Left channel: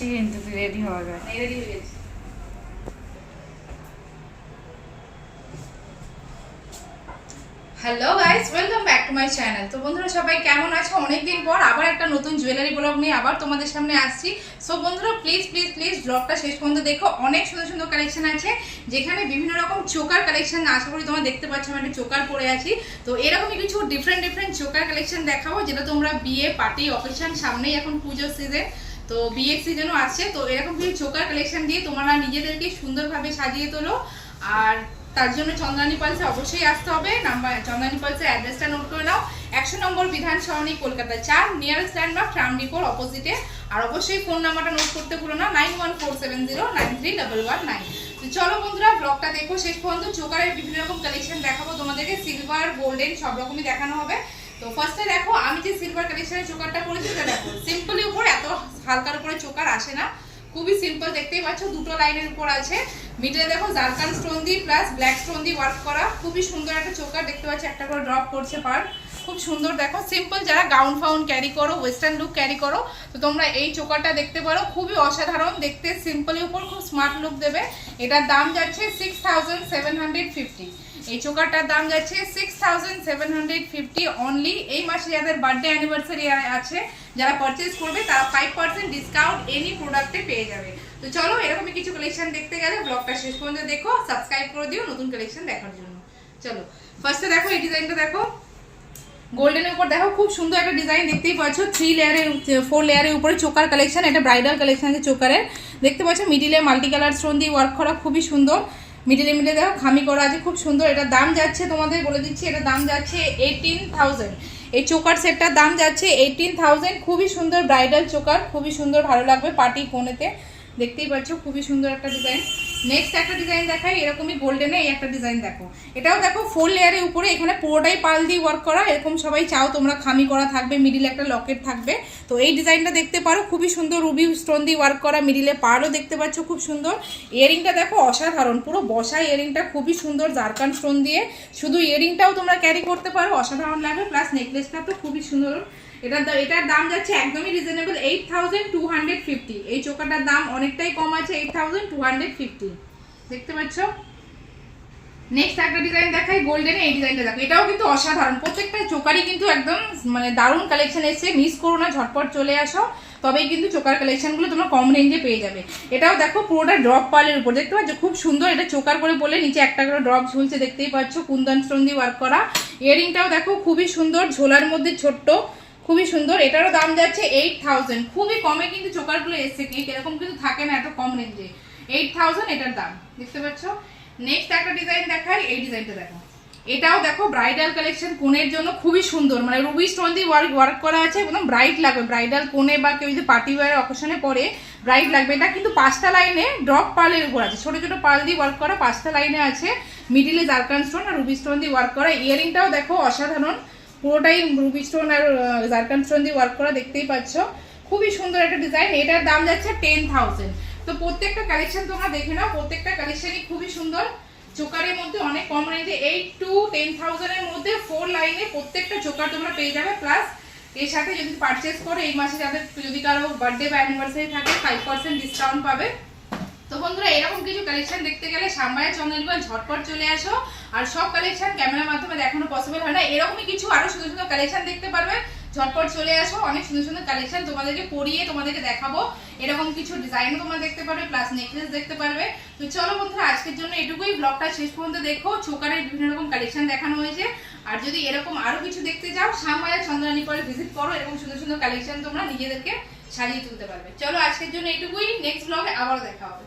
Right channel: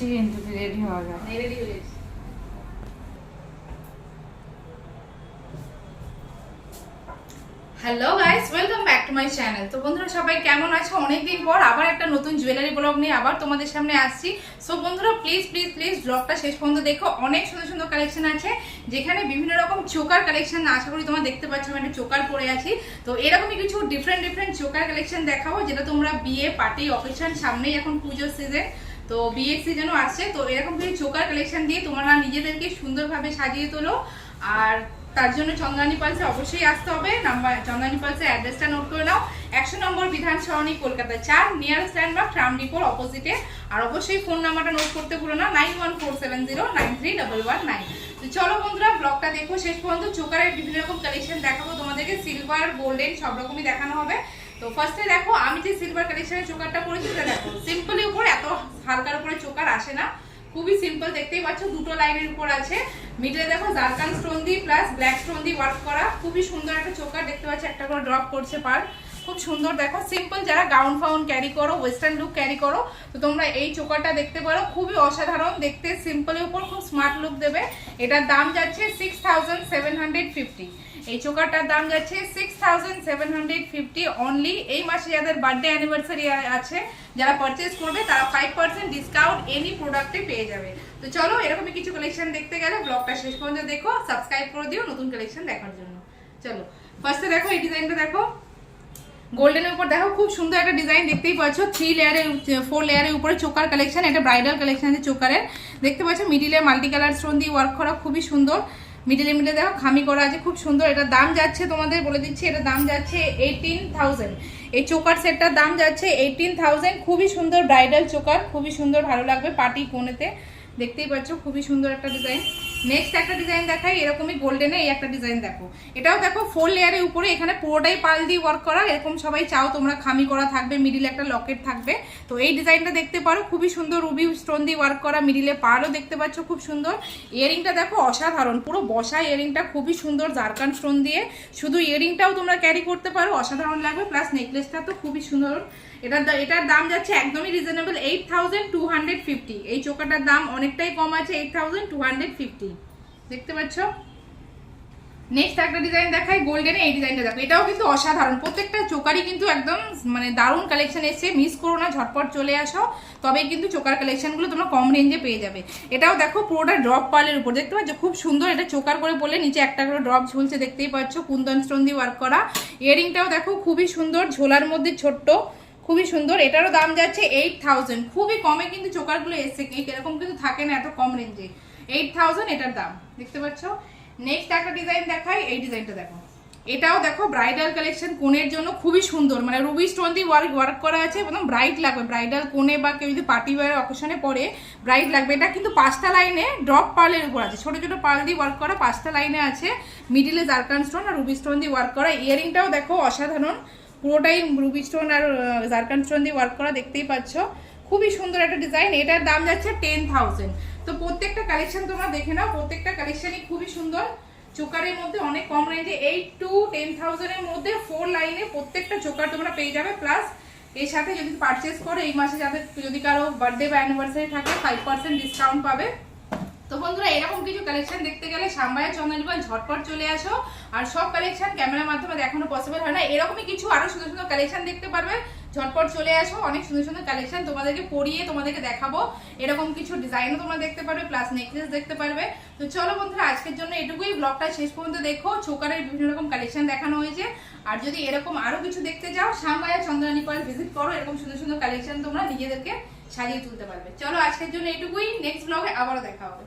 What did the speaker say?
যাচ্ছি কিন্তু রেডি হওয়া যায়। হয়ে hello guys welcome back to my channel তো বন্ধুরা সবাই কেমন আছো? অনেকদিন পর আবার একটা নতুন জুয়েলারি ব্লগ নিয়ে আবার তোমাদের সামনে আসছি। সো বন্ধুরা প্লিজ প্লিজ প্লিজ ব্লগটা শেষ পর্যন্ত দেখো। অনেক সুন্দর সুন্দর কালেকশন আছে, যেখানে বিভিন্ন রকম চোকার কালেকশন আশা করি তোমরা দেখতে পাচ্ছ, আমি একটা চোকার পরে আছি। তো এরকমই কিছু ডিফারেন্ট ডিফারেন্ট চোকার কালেকশন দেখাবো, যেটা তোমরা বিয়ে পার্টি অকেশন সামনেই এখন পুজোর সিজন তো বিয়ের সিজনও আসছে, তো এরকম কিছু চোকার কালেকশন দিয়ে তোমরা নিজেদেরকে সুন্দরভাবে সাজিয়ে তোলো। আর তার জন্য চন্দ্রানী পালসে অবশ্যই আসতে হবে। নাম্বার চন্দ্রানী পালসের অ্যাড্রেসটা নোট করে নাও। একশো নম্বর বিধান সরণি, কলকাতা চার। নিয়ারেস্ট ল্যান্ডমার্ক ট্রাম ডিপোর অপোজিটে আর অবশ্যই ফোন নাম্বারটা নোট করতে ভুলো না nine one four seven zero nine three double one nine তো চলো বন্ধুরা ব্লগটা দেখো শেষ পর্যন্ত। চোকারের বিভিন্ন রকম কালেকশন দেখাবো তোমাদেরকে। সিলভার গোল্ডেন সব রকমই দেখানো হবে। তো ফার্স্টে দেখো, আমি যে সিলভার কালেকশনের চোকারটা পরেছি, সেটা দেখো সিম্পলি উপর এত হালকার উপরে চোকার আসে না। খুবই সিম্পল দেখতেই পাচ্ছ, দুটো লাইনের উপর আছে। মিডলে দেখো জারকান স্টোন দিয়ে প্লাস ব্ল্যাক স্টোন দিয়ে ওয়ার্ক করা। খুবই সুন্দর একটা চোকার, দেখতে পাচ্ছ, একটা করে ড্রপ করছে পার খুব সুন্দর। দেখো সিম্পল যারা গাউন ফাউন ক্যারি করো ওয়েস্টার্ন লুক ক্যারি করো, তো তোমরা এই চোকারটা দেখতে পারো। খুবই অসাধারণ দেখতে সিম্পলের উপর খুব স্মার্ট লুক দেবে। এটার দাম যাচ্ছে সিক্স সেভেন হান্ড্রেড ফিফটি এই চোকারটার দাম যাচ্ছে six thousand seven hundred fifty only এই মাসে যাদের বার্থডে অ্যানিভার্সারি আছে, যারা পারচেস করবে, তারা ফাইভ পার্সেন্ট ডিসকাউন্ট এনি প্রোডাক্টে পেয়ে যাবে। তো চলো, এরকমই কিছু কালেকশন দেখতে গেলে ব্লগটা শেষ পর্যন্ত দেখো। সাবস্ক্রাইব করে দিও নতুন কালেকশন দেখার জন্য। চলো ফার্স্টে দেখো, এই ডিজাইনটা দেখো। গোল্ডেনের উপর দেখো, খুব সুন্দর একটা ডিজাইন দেখতেই পাচ্ছ। থ্রি লেয়ারের ফোর লেয়ারের উপরে চোকার কালেকশন এটা ব্রাইডাল কালেকশন আছে চোকারের। দেখতে পাচ্ছ মিডিলে মাল্টি কালার স্টোন দিয়ে ওয়ার্ক করা, খুবই সুন্দর। মিডিলে মিডিলে দেখো, খামি করা আছে, খুব সুন্দর। এটা দাম যাচ্ছে তোমাদের, বলে দিচ্ছি এটা দাম যাচ্ছে এইটিন থাউজেন্ড এই চোকার সেটটার দাম যাচ্ছে এইটিন থাউজেন্ড খুবই সুন্দর ব্রাইডাল চোকার, খুবই সুন্দর, ভালো লাগবে পার্টি কোনেতে দেখতেই পাচ্ছ, খুবই সুন্দর একটা ডিজাইন নেক্সট একটা ডিজাইন দেখাই, এরকমই গোল্ডেনে এই একটা ডিজাইন দেখো। এটাও দেখো ফোর লেয়ারের উপরে, এখানে পুরোটাই পাল দিয়ে ওয়ার্ক করা, এরকম সবাই চাও তোমরা খামি করা থাকবে মিডিলে একটা লকেট থাকবে। তো এই ডিজাইনটা দেখতে পারো, খুবই সুন্দর রুবি স্টোন দিয়ে ওয়ার্ক করা মিডিলে পাড়ও দেখতে পাচ্ছ, খুব সুন্দর। ইয়ারিংটা দেখো অসাধারণ, পুরো বসা ইয়ারিংটা খুবই সুন্দর জারকান স্টোন দিয়ে। শুধু ইয়ারিংটাও তোমরা ক্যারি করতে পারো, অসাধারণ লাগবে প্লাস নেকলেসটা তো খুবই সুন্দর। এটার দা- এটার দাম যাচ্ছে একদমই reasonable eight thousand two hundred fifty এই চোকাটার দাম অনেকটাই কম আছে eight thousand two hundred fifty দেখতে পাচ্ছ? নেক্সট একটা ডিজাইন দেখাই গোল্ডেনে এই ডিজাইনটা দেখো। এটাও কিন্তু অসাধারণ। প্রত্যেকটা চোকারই কিন্তু একদম মানে দারুণ কালেকশন এসেছে। মিস করো না, ঝটপট চলে আসো। তবেই কিন্তু চোকার কালেকশনগুলো তোমরা কম রেঞ্জে পেয়ে যাবে। এটাও দেখো, পুরোটা ড্রপ পালের উপর। দেখতে পাচ্ছ? খুব সুন্দর এটা চোকার করে বলে নিচে একটা করে ড্রপ ঝুলছে। দেখতেই পাচ্ছ? কুন্দন স্টোন দিয়ে ওয়ার্ক করা ইয়ারিংটাও দেখো, খুবই সুন্দর। ঝোলার মধ্যে ছোট্ট। খুবই সুন্দর। এটারও দাম যাচ্ছে এইট থাউজেন্ড খুবই কমে কিন্তু চোকারগুলো এসছে। কি এরকম কিন্তু থাকে না এত কম রেঞ্জে এইট থাউজেন্ড এটার দাম। দেখতে পাচ্ছ? নেক্সট একটা ডিজাইন দেখাই। এই ডিজাইনটা দেখো। এটাও দেখো ব্রাইডাল কালেকশন কোনের জন্য খুবই সুন্দর। মানে রুবি স্টোন দিয়ে ওয়ার্ক ওয়ার্ক করা আছে, একদম ব্রাইট লাগবে। ব্রাইডাল কোনে বা কেউ যদি পার্টি ওয়ার অকেশনে পরে ব্রাইট লাগবে। এটা কিন্তু পাঁচটা লাইনে ড্রপ পার্লের উপর আছে। ছোটো ছোটো পার্ল দিয়ে ওয়ার্ক করা পাঁচটা লাইনে আছে। মিডিলে জারকান স্টোন আর রুবি স্টোন দিয়ে ওয়ার্ক করা। ইয়ারিংটাও দেখো অসাধারণ। পুরোটাই রুবি স্টোন আর জারকান স্টোন দিয়ে ওয়ার্ক করা দেখতেই পাচ্ছ। খুবই সুন্দর একটা ডিজাইন এটার দাম যাচ্ছে টেন থাউজেন্ড তো প্রত্যেকটা কালেকশন তোমরা দেখে নাও। প্রত্যেকটা কালেকশনই খুবই সুন্দর। চোকারের মধ্যে অনেক কম রেঞ্জে এইট টু টেন থাউজেন্ডের মধ্যে ফোর লাইনে প্রত্যেকটা চোকার তোমরা পেয়ে যাবে। প্লাস এর সাথে যদি পারচেস করো, এই মাসে যাদের যদি কারও বার্থডে বা অ্যানিভার্সারি থাকে ফাইভ পার্সেন্ট ডিসকাউন্ট পাবে। তো বন্ধুরা, এরকম কিছু কালেকশন দেখতে গেলে সাম্বায়া চন্দ্রনিবান ঝটপট চলে আসো। আর সব কালেকশন ক্যামেরার মাধ্যমে দেখানো পসিবল হয় না। এরকমই কিছু আরও সুন্দর সুন্দর কালেকশন দেখতে পারবে। ঝটপট চলে আসো। অনেক সুন্দর সুন্দর কালেকশন তোমাদেরকে পরিয়ে তোমাদেরকে দেখাবো। এরকম কিছু ডিজাইনও তোমরা দেখতে পারবে প্লাস নেকলেস দেখতে পারবে। তো চলো বন্ধুরা, আজকের জন্য এটুকুই। ব্লগটা শেষ পর্যন্ত দেখো। চোকারের বিভিন্ন রকম কালেকশন দেখানো হয়েছে। আর যদি এরকম আরও কিছু দেখতে যাও শ্যামবায়া চন্দ্রানী পরে ভিজিট করো। এরকম সুন্দর সুন্দর কালেকশন তোমরা নিজেদেরকে সাজিয়ে তুলতে পারবে। চলো আজকের জন্য এটুকুই। নেক্সট ব্লগে আবারও দেখা হবে।